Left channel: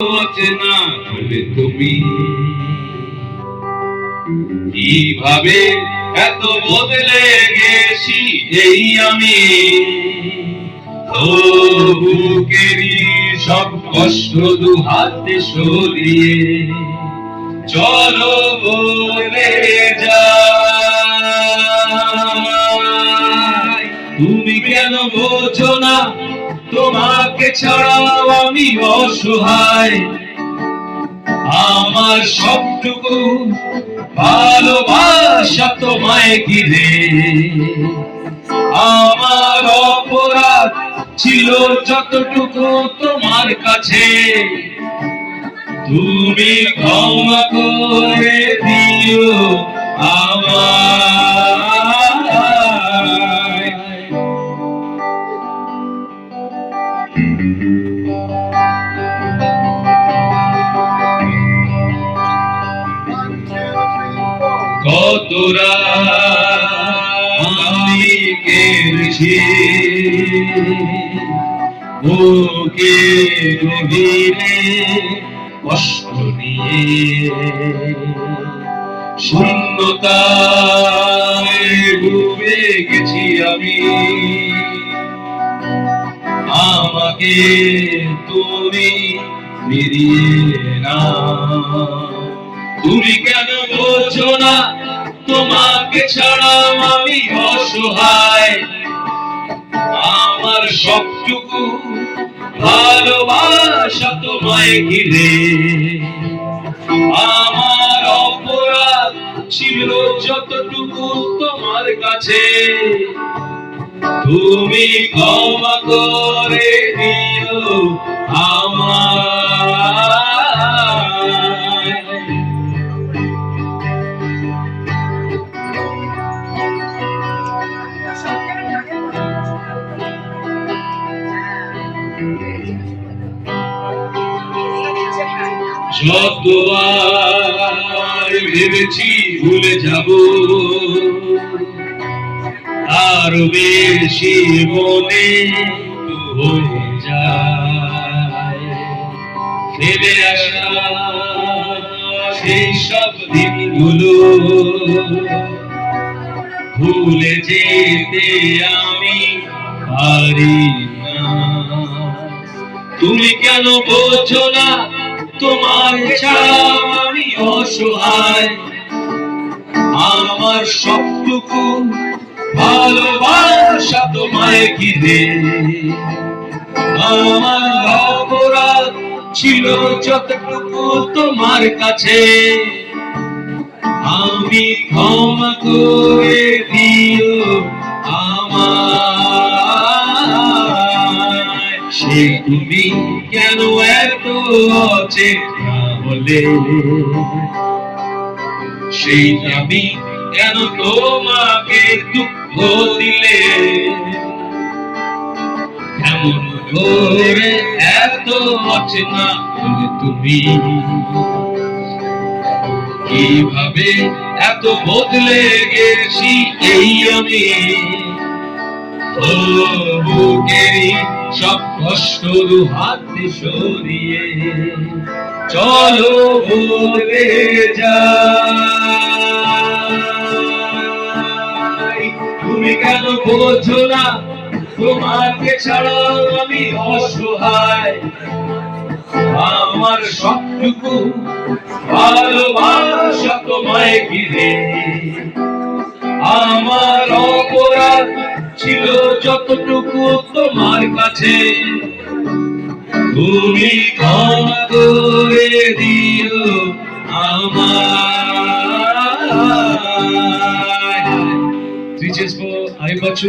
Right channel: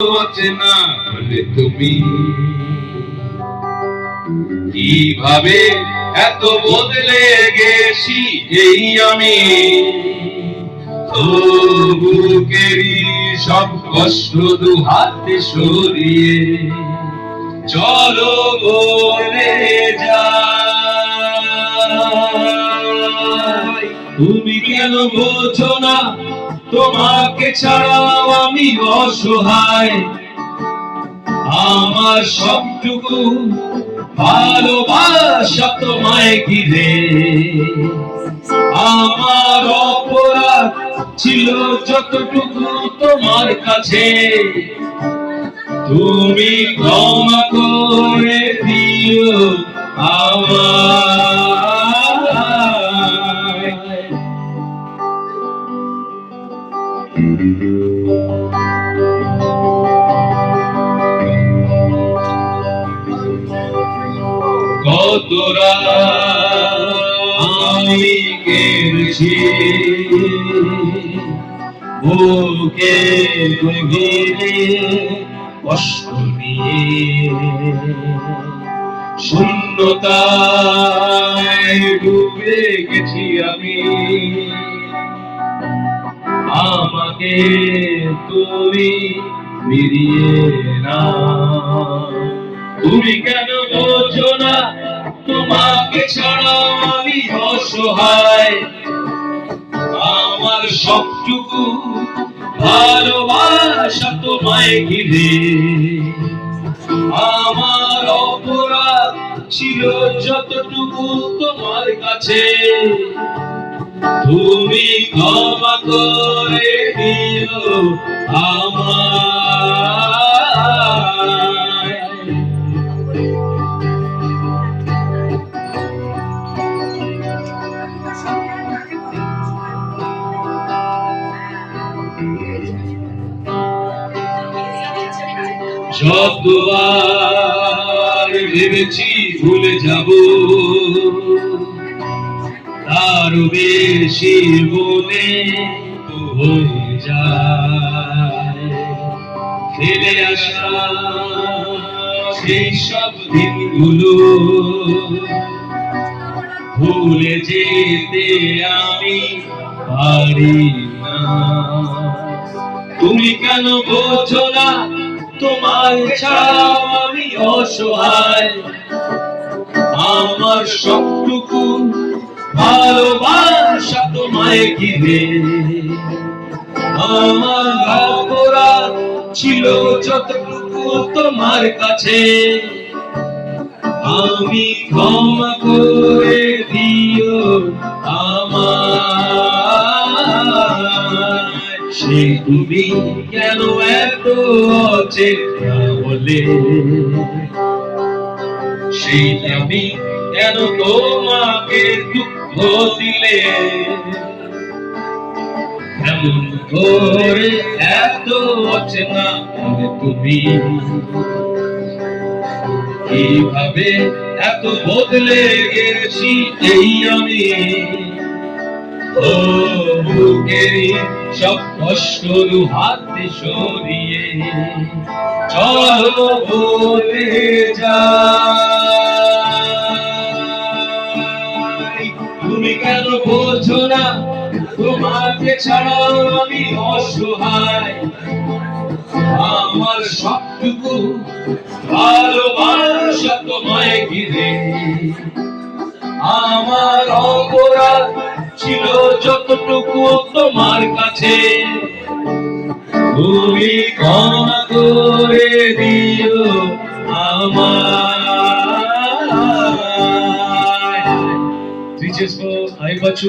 অচেনা হলে তুমি কিভাবে এত বদলে গেছি এই আমি বুকেরই সব কষ্ট দু হাতে সরিয়ে চলো বলে যাই। তুমি কেন বোঝো না তোমাকে ছাড়াও আমি অসহায়, আমার সবটুকু ভালোবাসা তোমায় ঘিরে। আমার অপরাধ ছিল যতটুকু তোমার কাছে, তুমি ক্ষমা করে দিও আমায়। কত রাত আমি কেঁদেছি বুকে গভীরে কষ্ট নিয়ে, শূন্যতায় ডুবে গেছি আমি। আমাকে তুমি ফিরিয়ে নাও। তুমি কেন বোঝো না তোমাকে ছাড়াও আমি অসহায়, আমার সবটুকু ভালোবাসা তোমায় ঘিরে। আমার অপরাধ ছিল যতটুকু তোমার কাছে, তুমি ক্ষমা করে দিও আমায়। যতবার ভেবেছি ভুলে যাব, তার বেশি মনে হয়ে যায়। ফেলে আসা সেই সব দিনগুলো ভুলে যেতে আমি পারি না। তুমি কেন বোঝো না তোমার ছাড়া আমি অসহায়, আমার সবটুকু ভালোবাসা তোমায় ঘিরে। আমার অপরাধ ছিল যতটুকু তোমার কাছে, আমি ক্ষমা করে দিও আমায়। সেই তুমি কেন এত অচেনা হলে, সেই আমি কেন তোমাকে দুঃখ দিলে। এমন করে এত অচেনা হলে তুমি কিভাবে এত বদলে গেছি এই আমি বুকেরই সব কষ্ট দু হাতে সরিয়ে চলো বলে যাই। তুমি কেন বোঝো না তোমাকে ছাড়াও আমি অসহায়, আমার সবটুকু ভালোবাসা তোমায় ঘিরে। আমার অপরাধ ছিল যতটুকু তোমার কাছে, তুমি ক্ষমা করে দিও আমায়। 3 cheers for Hai Bachu.